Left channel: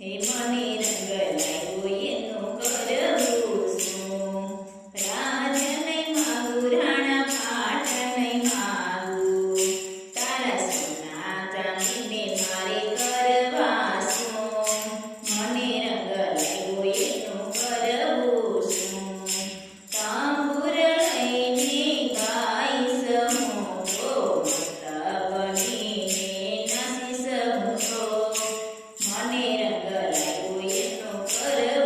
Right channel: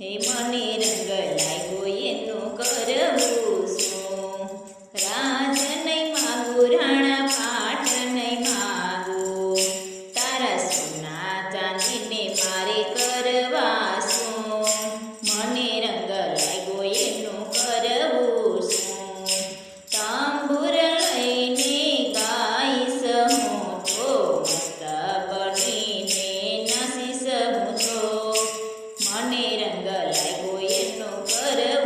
હે મને રંગ લાગ્યો એનું કરવું શું? રાજ નહીં માગું, રાણા પાટ નહીં માગું, તારા સોના ચાંદીને મારે કરવા શું? મને રંગ લાગ્યો એનું કરવું શું? તાંબુર લઈને ગાઈશ હું તો, મસ્ત બનીને નાચીશ હું તો, મને રંગ લાગ્યો એનો કરવું